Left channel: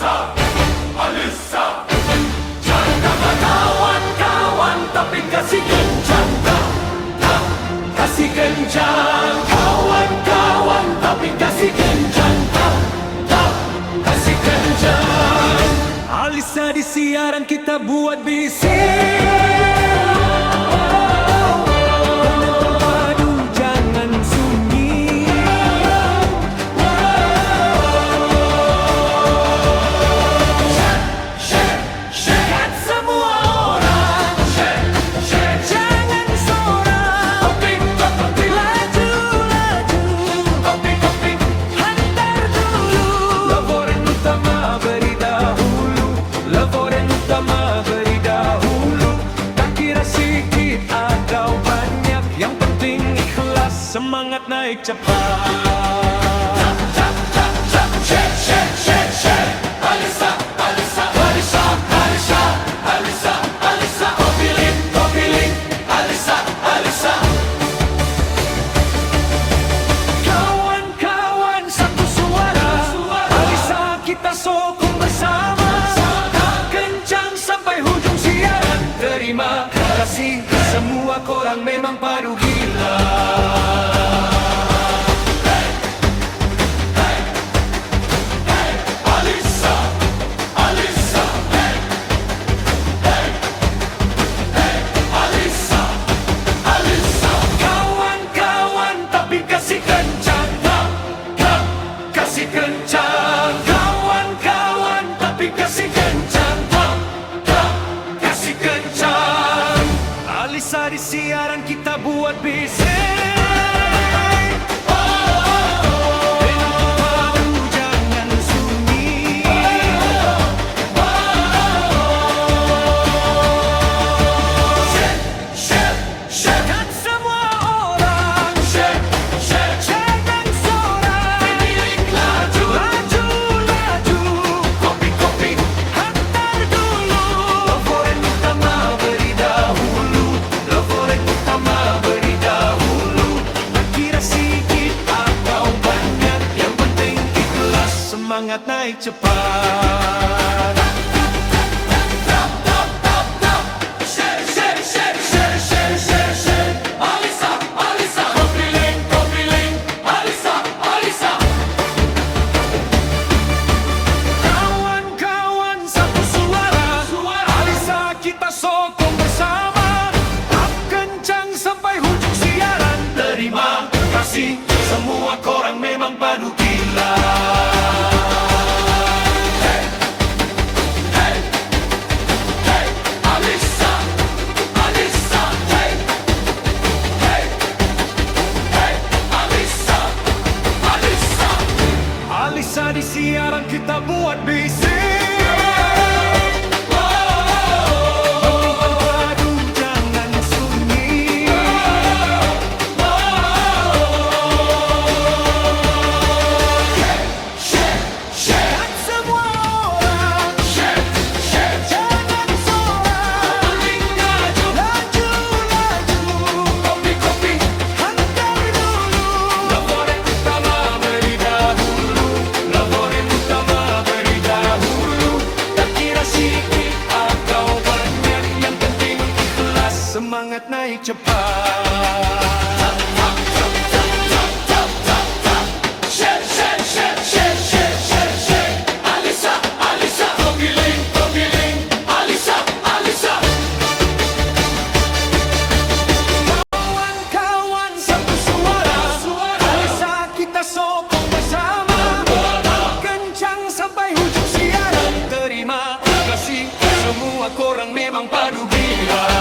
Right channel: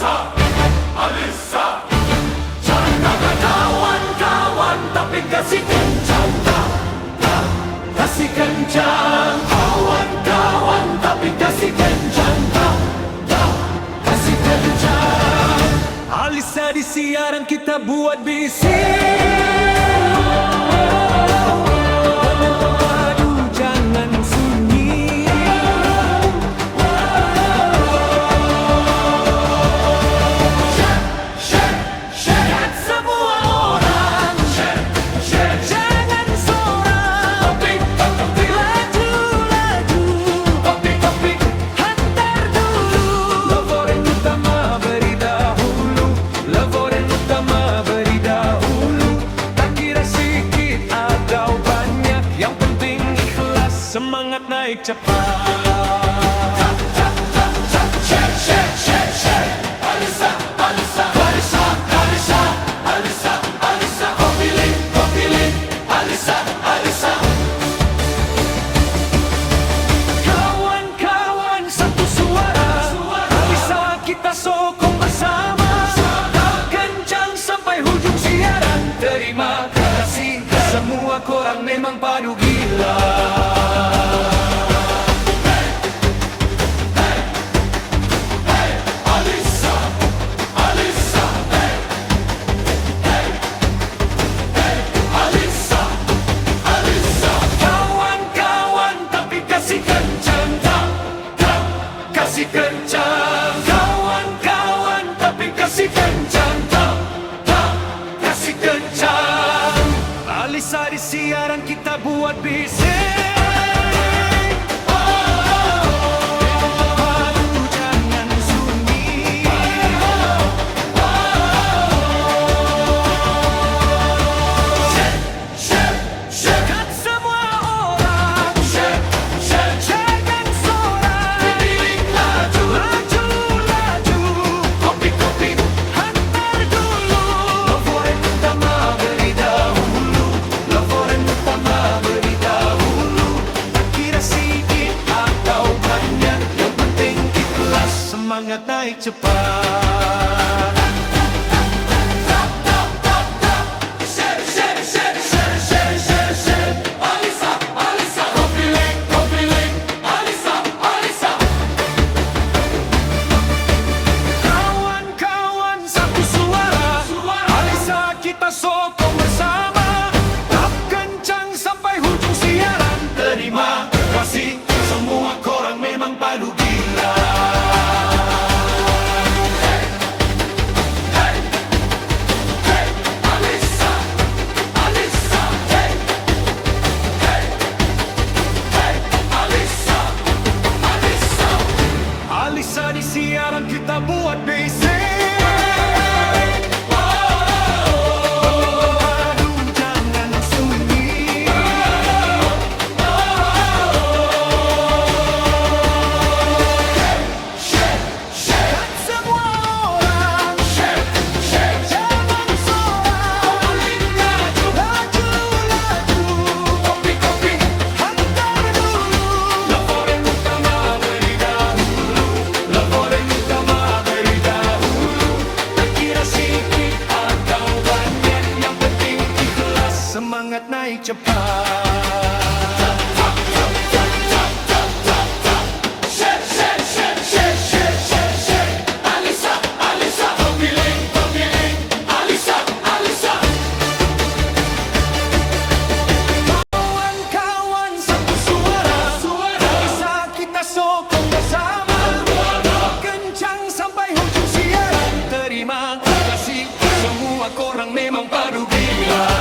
Alisa, Alisa. Jangan kawan-kawan, tapi kasih kencang, kasih kencang. Kawan-kawan, tapi kasih kencang, kasih kencang. Alisa di siaran kita buat bising. Penonton padu jangan sunyi. Kat semua orang, jangan sorak. Laju-laju, hantar dulu. Laporan utama beri dahulu. Laporan utama beri dahulu. Tak kira sedikit atau banyak, yang penting ikhlas, semangat naik cepat. Alisa, Alisa, Alisa, Alisa, Alisa, Alisa. Kau pilih, Alisa, Alisa. Kawan-kawan satu suara, Alisa kita sokong bersama. Kencang sampai hujung siaran. Terima kasih semua korang memang padu gila. Alisa, Alisa, Alisa, Alisa. Kawan-kawan tapi kasih kencang, kasih kencang. Kawan-kawan tapi kasih kencang, kasih kencang. Alisa di siaran kita buat bising. Penonton padu jangan sunyi. Kat semua orang, jangan sorak. Laju-laju, hantar dulu. Laporan utama beri dahulu. Laporan utama beri dahulu. Tak kira sedikit atau banyak, yang penting ikhlas, semangat naik cepat. Alisa, Alisa. Kau pilih, Alisa, Alisa. Kawan-kawan satu suara, Alisa kita sokong bersama. Tap kencang sampai hujung siaran. Terima kasih semua korang memang padu gila. Alisa, Alisa. Alisa, Alisa. Alisa di siaran kita buat bising. Penonton padu jangan sunyi. Kat semua orang, jangan sorak. Laju-laju, hantar dulu. Laporan utama beri dahulu. Laporan utama beri dahulu. Tak kira sedikit atau banyak, yang penting ikhlas, semangat naik cepat. Alisa, Alisa. Kau pilih, Alisa, Alisa. Kawan-kawan satu suara, Alisa kita sokong bersama. Tak kencang sampai hujung siaran. Terima kasih semua korang memang padu gila.